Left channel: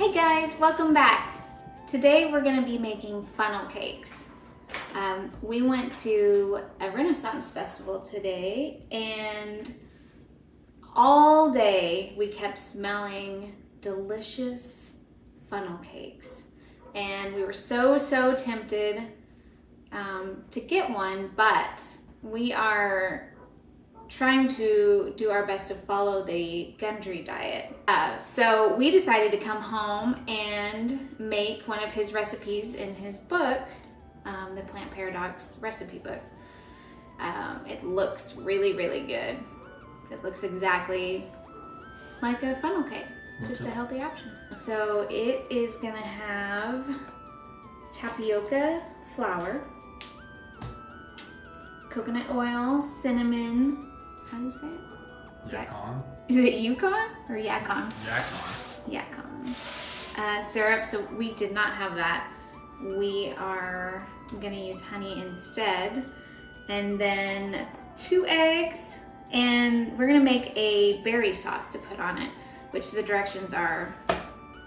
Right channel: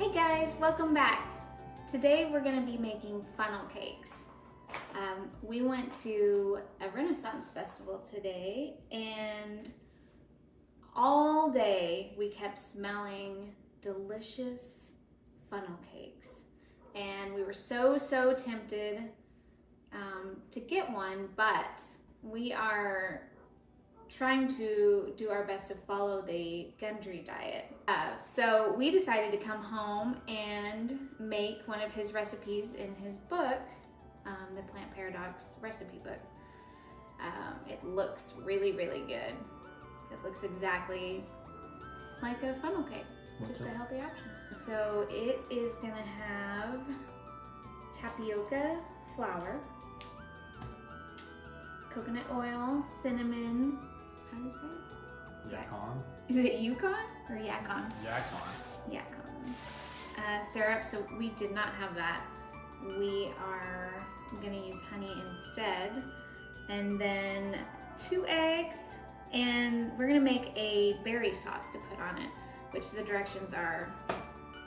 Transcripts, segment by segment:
Hey guys, welcome back. Today we're going to be making funnel cakes. We went to a Renaissance festival today and all day we kept smelling delicious funnel cakes. And we were so tempted to get one, but we are trying to do our best to follow the Gundry diet. So we decided to come home and make one of his recipes in his book, the Plant Paradox recipe book. It looks really good. It looks exactly like a funnel cake, just a healthy option. So it is gonna have tapioca flour, coconut oil, cinnamon, how do you say it? Yacon. Is it Yukon or Yacon? Yacon. Syrup, so we did not have that. We are gonna use honey instead. And then 2 eggs, and we're gonna make a berry sauce to put on it, which the directions are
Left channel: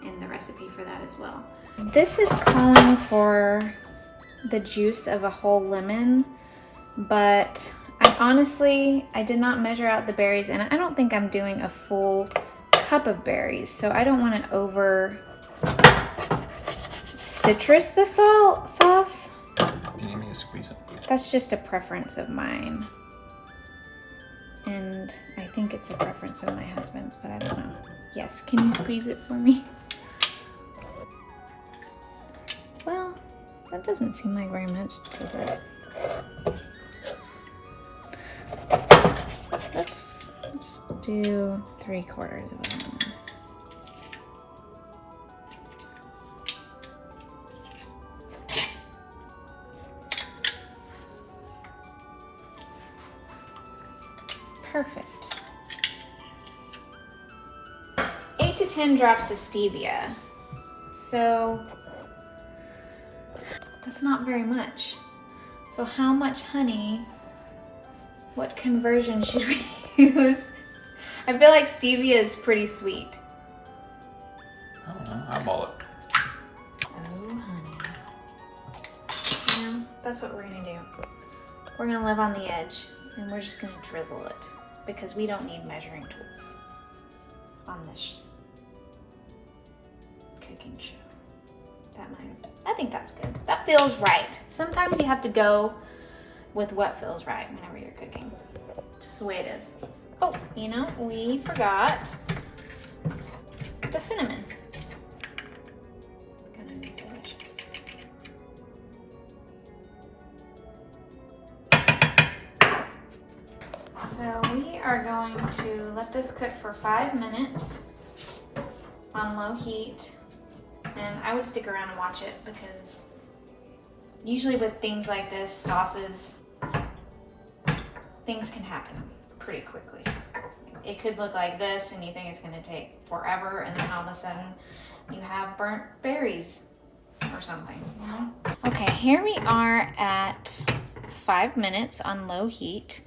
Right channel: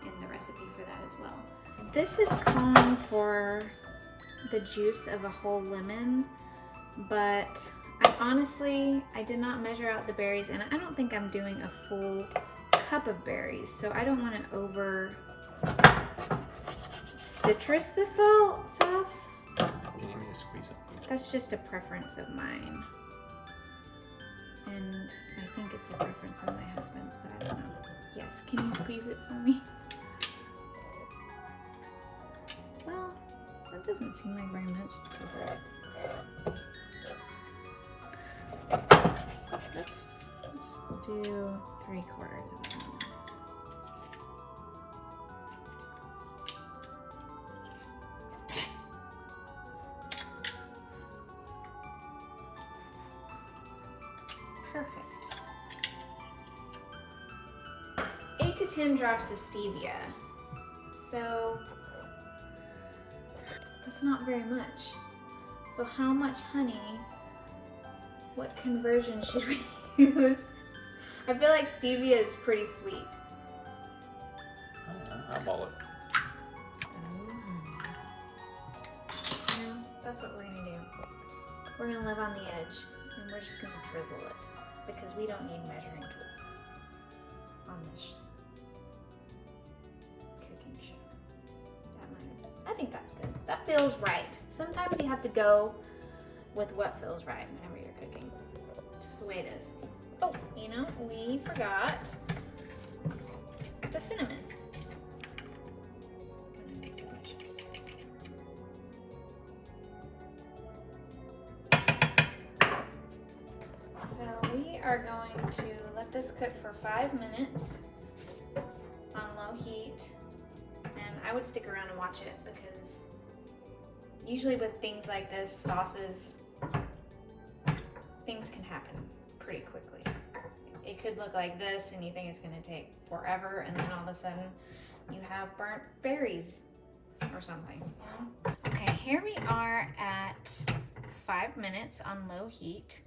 in the recipe for that as well. This is calling for the juice of a whole lemon, but I did not measure out the berries, and I don't think I'm doing a full cup of berries, so I don't want to over citrus the sauce. Do you need me to squeeze it? That's just a preference of mine, and I think it's a preference of my husband's, but I don't know. Yes, can you squeeze it for me? Well, that doesn't seem like very much, does it? Let's do 3/4 of a lemon. Perfect. 8 to 10 drops of stevia. So that's not very much. So how much honey? What conversion should we use? I feel like stevia is pretty sweet. I don't know. Eyeball it. Oh, honey. Yeah, that's what we're gonna do. We're gonna live on the edge, and we're just gonna drizzle it because we don't need measuring tools on this cooking show. I think that's good. That feels right. Sometimes you have to go with what feels right whenever you're cooking. It's just the way it is. Oh, you know, we forgot the cinnamon. Gonna be delicious. So we are going to let this cook for 5 minutes on low heat. And I would stick around and watch it because usually with things like this, sauces, things can happen pretty quickly. It could look like this and you think it's gonna take forever, and then all of a sudden you have burnt berries or something, you know? Okay, here we are at 5 minutes on low heat.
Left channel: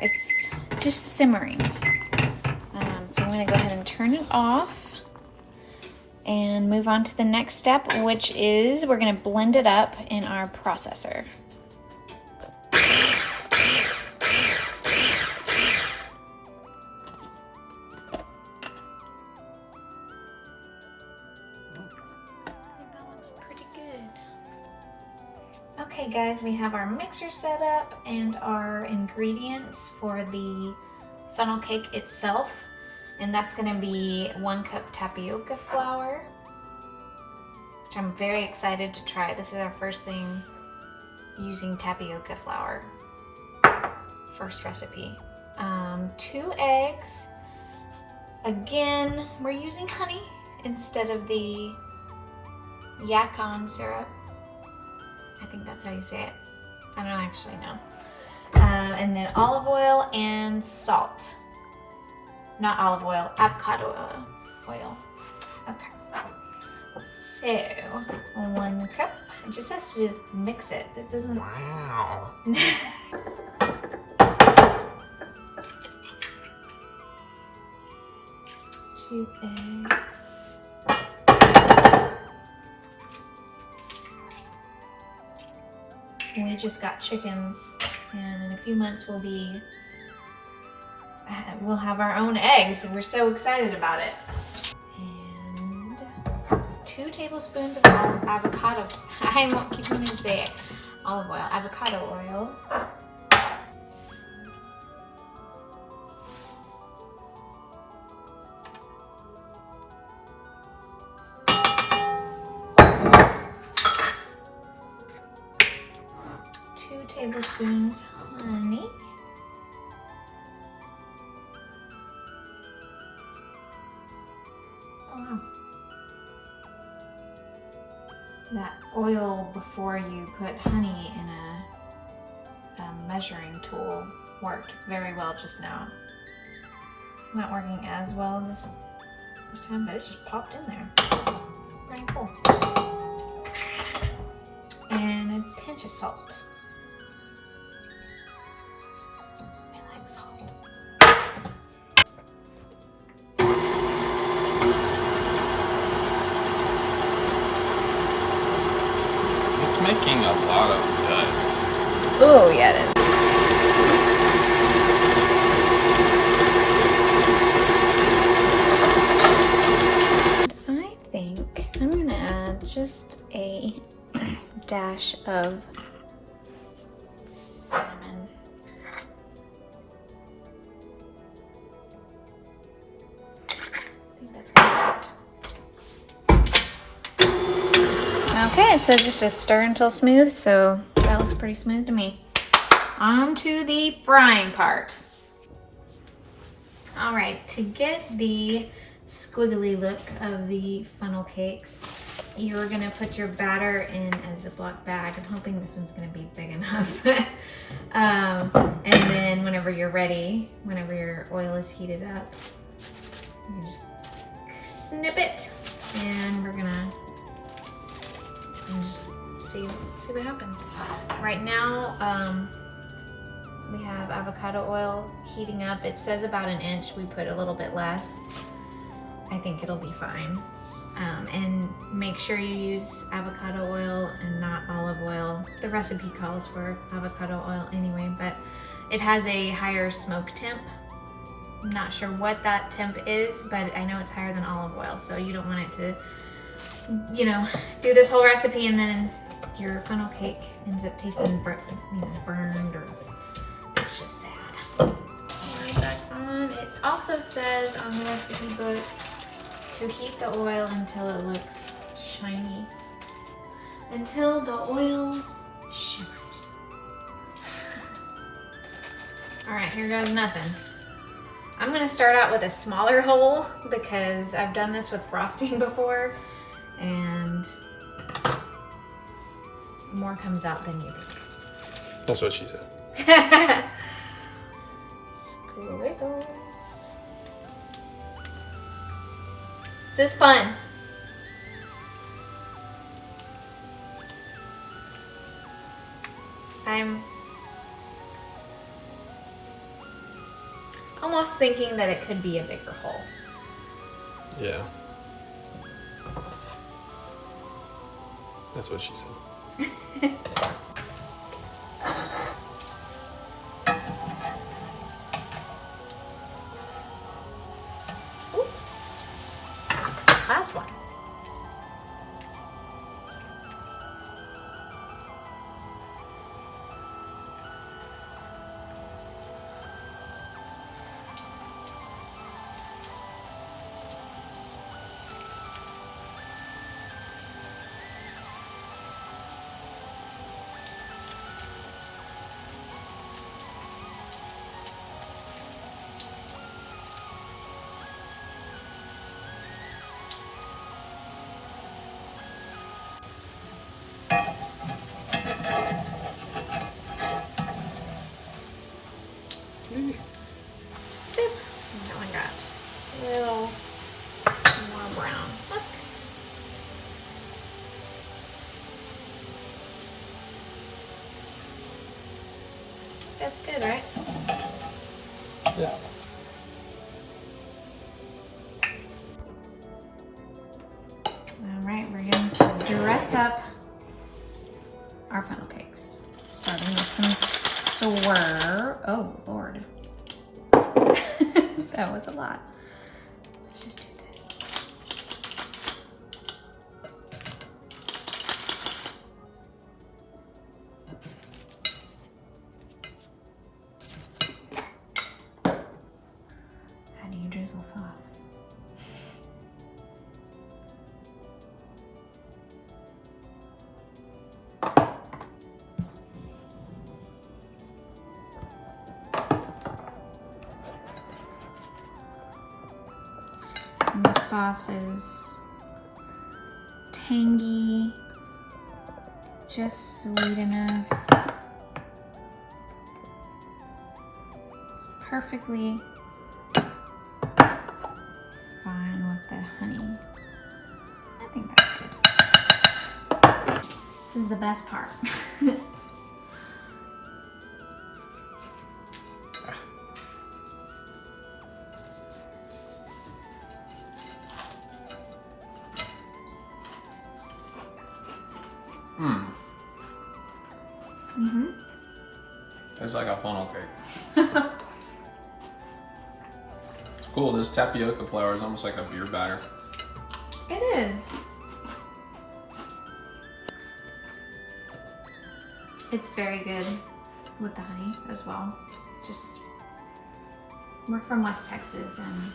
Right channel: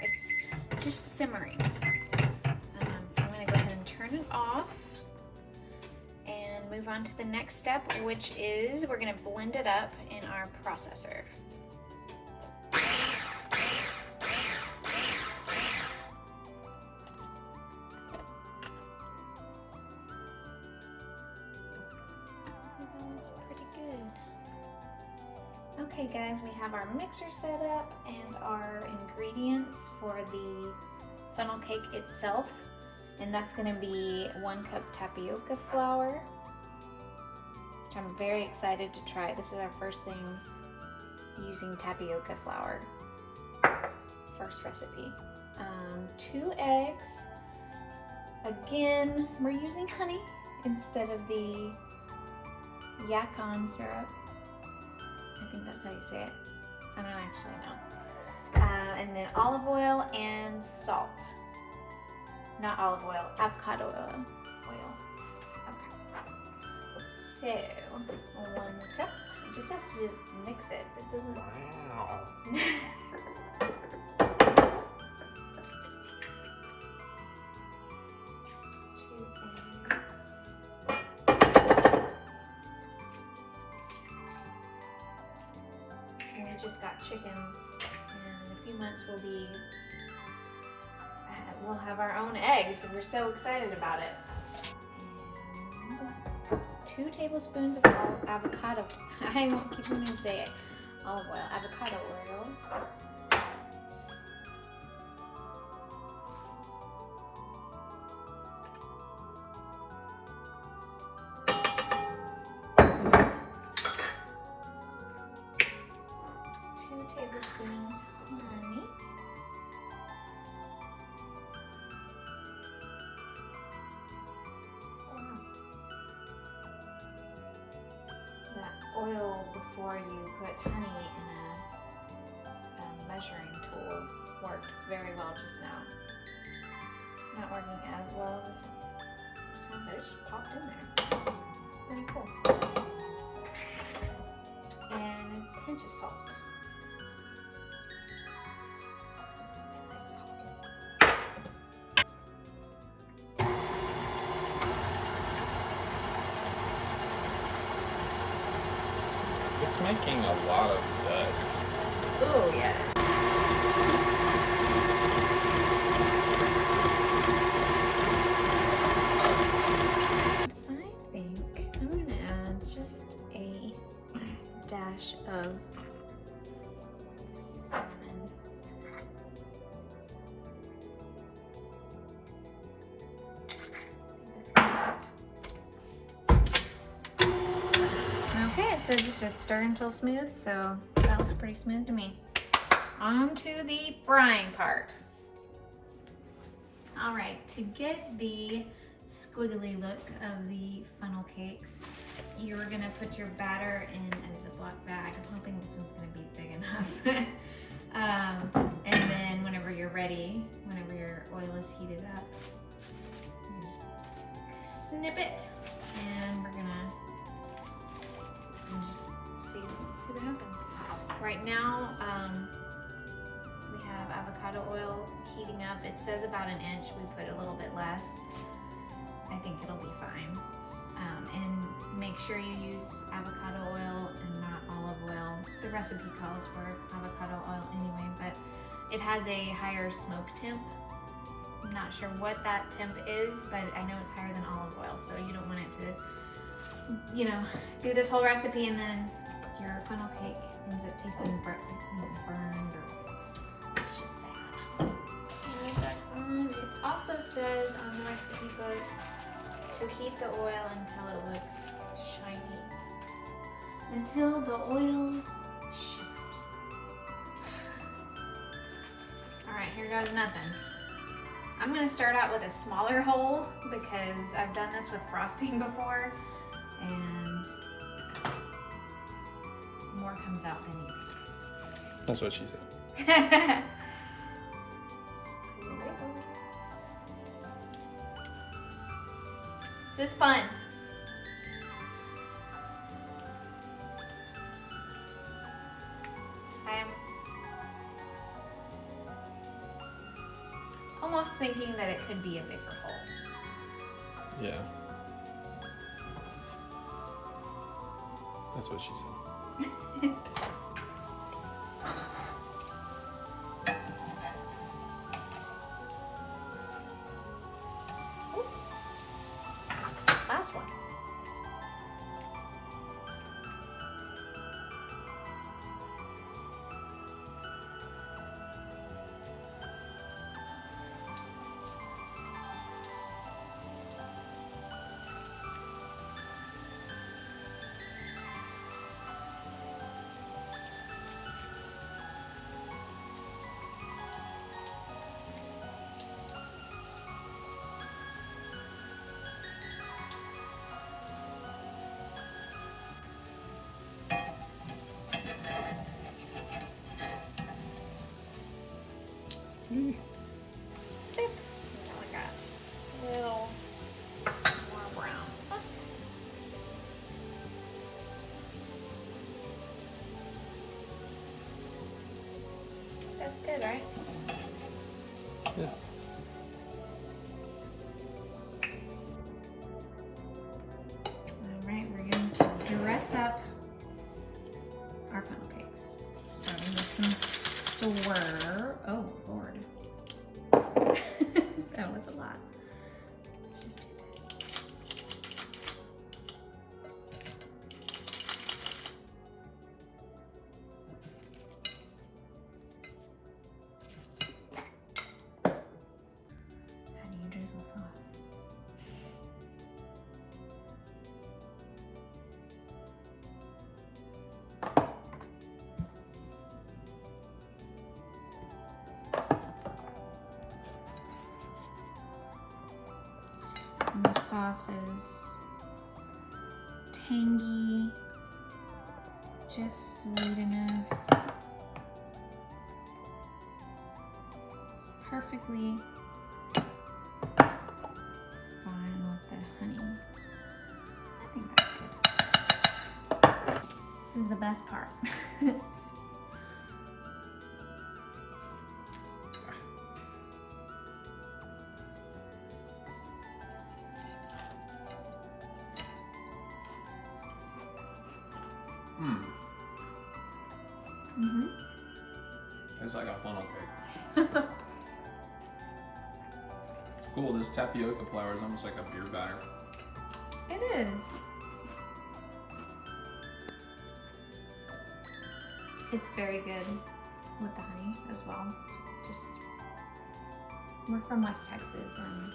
It's just simmering. So I'm gonna go ahead and turn it off and move on to the next step, which is we're gonna blend it up in our processor. That looks pretty good. Okay guys, we have our mixer set up and our ingredients for the funnel cake itself. And that's gonna be 1 cup tapioca flour, which I'm very excited to try. This is our first thing using tapioca flour. First recipe. 2 eggs. Again, we're using honey instead of the Yacon syrup. I think that's how you say it. I don't actually know. And then olive oil and salt. Not olive oil, avocado oil. Okay. So, 1 cup. It just has to just mix it. It doesn't. Wow. 2 eggs. We just got chickens, and in a few months we'll have our own eggs. We're so excited about it. And 2 tablespoons of avocado. I won't keep wanting to say it. Olive oil, avocado oil. Tablespoons honey. Oh, wow. That oil before you put honey in a measuring tool worked very well just now. It's not working as well this time, but it just popped in there. Pretty cool. And a pinch of salt. It's making a lot of dust. Oh, yeah, it is. I think I'm gonna add just a dash of cinnamon. Okay, so just to stir until smooth, so that looks pretty smooth to me. On to the frying part. All right, to get the squiggly look of the funnel cakes, you're gonna put your batter in a Ziploc bag. I'm hoping this one's gonna be big enough. And then whenever you're ready, whenever your oil is heated up, you just snip it, and we're gonna just see what happens. Right now, we have avocado oil heating up. It says about an inch. We put a little bit less. I think it'll be fine. And make sure you use avocado oil and not olive oil. The recipe calls for avocado oil anyway, but it has a higher smoke temp. I'm not sure what that temp is, but I know it's higher than olive oil, so you don't want it to, you know, do this whole recipe and then your funnel cake ends up tasting burned, or it's just sad. It also says on the recipe book to heat the oil until it looks shiny, until the oil shimmers. All right, here goes nothing. I'm gonna start out with a smaller hole because I've done this with frosting before, and more comes out than you think. That's what she said. Squiggles. This is fun. I'm almost thinking that it could be a bigger hole. Yeah. That's what she said. Last one. Now I got a little more brown. That's good, right? Yeah. mix up our funnel cakes. Starting with some swirl. Oh, Lord. That was a lot. Let's just do this. How do you drizzle sauce? And the sauce is tangy, just sweet enough. It's perfectly fine with the honey. I think that's good. This is the best part. Tastes like a funnel cake. It's cool. This tapioca flour is almost like a beer batter. It is. It's very good with the honey as well. Just, we're from West Texas and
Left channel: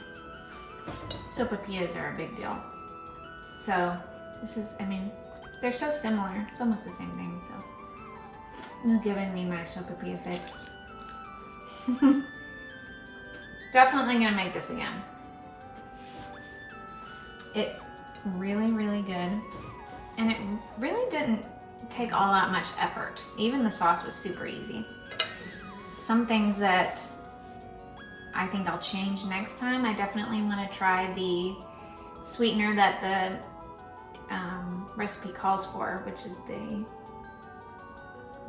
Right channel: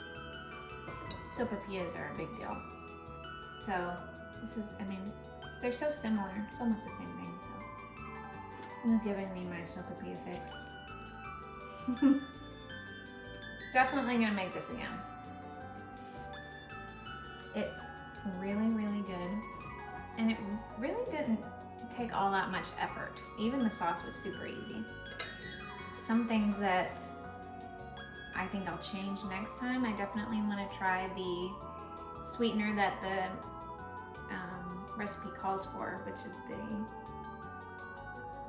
sopapillas are a big deal. So this is, I mean, they're so similar. It's almost the same thing, so. You're giving me my sopapilla fix. Definitely gonna make this again. It's really, really good. And it really didn't take all that much effort. Even the sauce was super easy. Some things that I think I'll change next time. I definitely wanna try the sweetener that the recipe calls for, which is the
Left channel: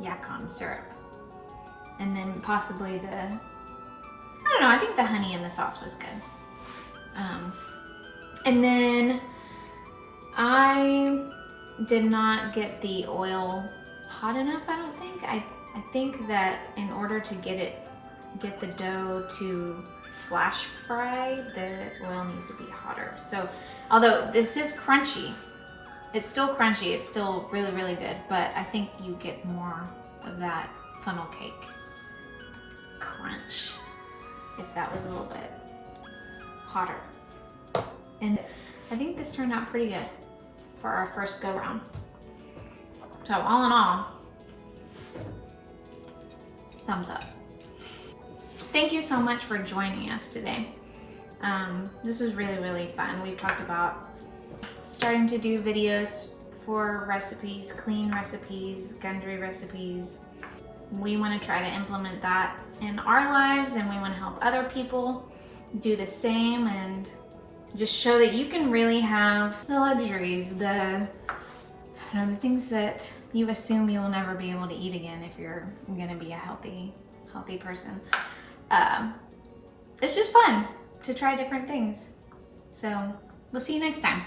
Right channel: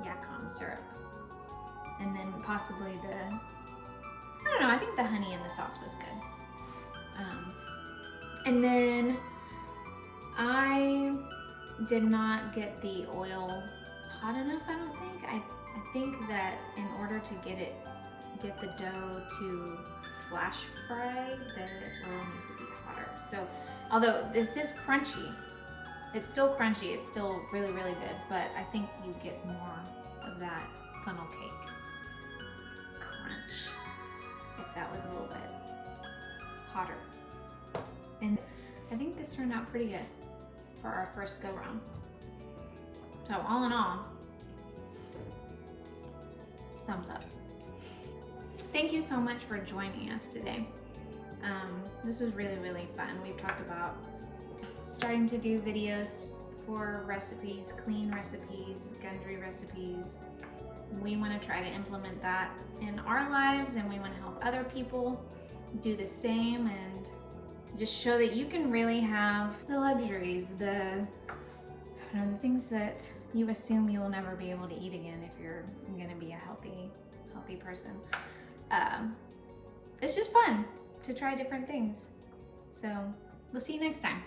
yacon syrup. And then possibly the, I don't know, I think the honey in the sauce was good. And then I did not get the oil hot enough, I don't think. I think that in order to get the dough to flash fry, the oil needs to be hotter. So, although this is crunchy, it's still crunchy, it's still really, really good, but I think you get more of that funnel cake crunch if that was a little bit hotter. And I think this turned out pretty good for our first go round. So all in all, thumbs up. Thank you so much for joining us today. This was really, really fun. We've talked about starting to do videos for recipes, clean recipes, Gundry recipes. We want to try to implement that in our lives, and we want to help other people do the same and just show that you can really have the luxuries, the things that you assume you will never be able to eat again if you're going to be a healthy person. It's just fun to try different things. So we'll see you next time.